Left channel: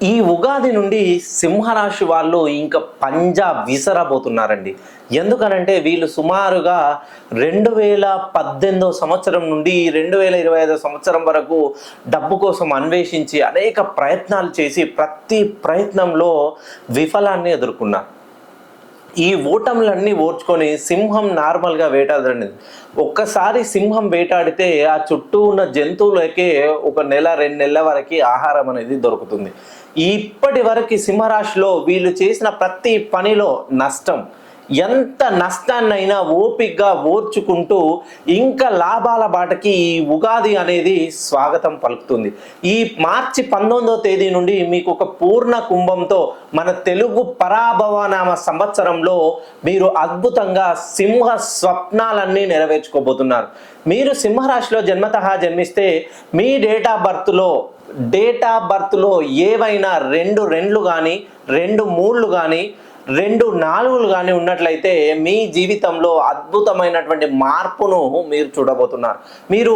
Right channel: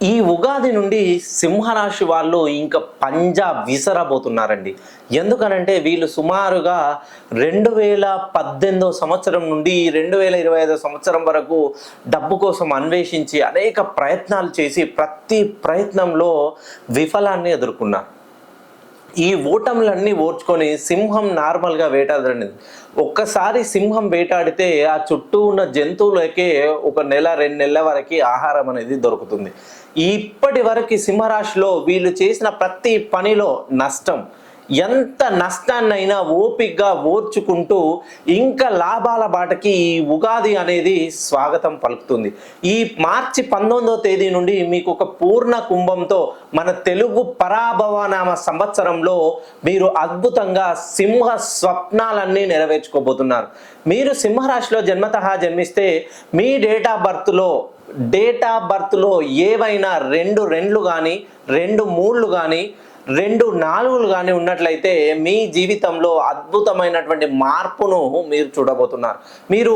ఈ ఉగాది నుండి సింహరాశి వాళ్ళు ఇంకా పంజా విసరబోతున్నారండి. ఎందుకనంటే వీళ్ళు సుమారుగా 2018 సంవత్సరం నుండి 2025 సంవత్సరం వరకు డబ్బు కోసం అన్వేషించి అనేక ప్రయత్నాలు చేసి ప్రతి ప్రయత్నంలో విఫలాన్ని ఎదుర్కొన్నారు. ఈ ఓటములన్నీ ఓర్చుకొని సింహం నార్మల్‌గా వేటాడదండి. ఒక్కసారి సింహం వేటాడితే ఆ చుట్టూ ఉన్న జంతువులకే ఒక నెల, 2 నెలల వరకి ఆహారం అనేది దొరుకుతుంది. ఇప్పటి వరకి సింహరాశిలో వీళ్ళు చేసిన ప్రతి పనిలో నష్టం. ఎంత నష్టాన్నైనా ఓపికగా ఓర్చుకుంటూ ఇంకా లాభాల బాటకి ఈ ఉగాది అనేది స్వాగతం పలుకుతుంది. ఈ మార్చి 19వ తేదీ నుండి మీకు ఒక పూర్ణ కుంభంతో మన తెలుగు పరాభవనామ సంవత్సరంలో మీరు అద్భుతంగా సింహ స్వప్నాలన్నీ నెరవేర్చుకోబోతున్నారు. మీరు సింహరాశిలో జన్మిస్తే మీ డేట్ ఆఫ్ బర్త్‌లో ఏవైనా 2 2లు గానీ, 2 3లు గానీ, 2 4లు గానీ ఉన్నట్లయితే మీ జీవితంలో అద్భుతమైనటువంటి మార్పును మీరు చూడబోతున్నారు. మీరు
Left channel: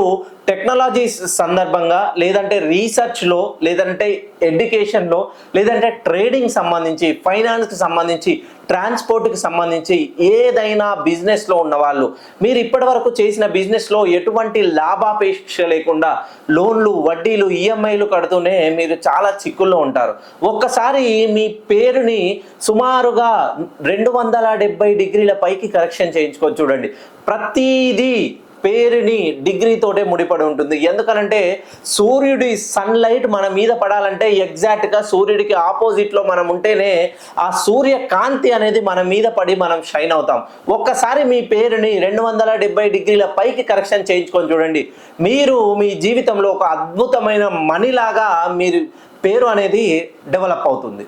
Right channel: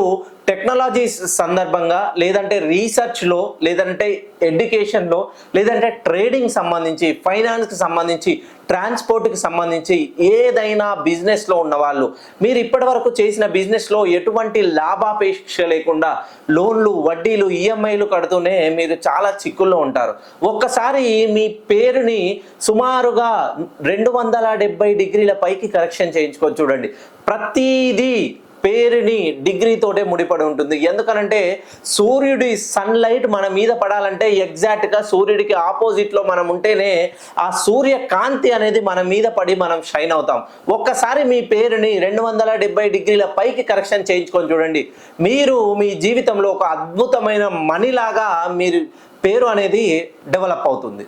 టెక్నాలజీ సందర్భంగా, లేదంటే రీసెర్చ్‌లో, లేదంటే ఎడ్యుకేషన్‌లో, లేదంటే ట్రేడింగ్ సంబంధించి, ఫైనాన్స్‌కి సంబంధించి, ట్రాన్స్‌పోర్ట్‌కి సంబంధించి ఏదైనా బిజినెస్‌లో ఉన్నవాళ్ళు, మీరు ఇప్పటివరకు చేసిన బిజినెస్‌లో ఎటువంటి లాభాపేక్ష లేకుండా లోన్లు, వడ్డీలు, ఈఎంఐలు కడుతూనే మీరు చాలా చిక్కుల్లో ఉంటారు. ఒక్కసారి మీ పేరుని సుమారుగా 270 డిగ్రీల పైకి కరెక్షన్ చేయించుకొని చూడండి. ప్రతీదీ పేరుని డిగ్రీతోటే ముడిపడి ఉంటుంది. ఎందుకనంటే సూర్యుడి సన్‌లైట్ మన మీద పడాలంటే ఎగ్జాక్ట్‌గా సూర్యుడికి ఆపోజిట్‌లో మనం ఉంటేనే ఆ సూర్య కాంతి అనేది మన మీద పడి మనం షైన్ అవుతాం. ఒక్కసారి మీ పేరుని 270 డిగ్రీల పైకి కరెక్షన్ చేయించుకొని చూడండి. మీరు మీ జీవితంలో ఒక అద్భుతమైన మణిలాగా మీరు పేరు అనేది డెవలప్ అవుతుంది.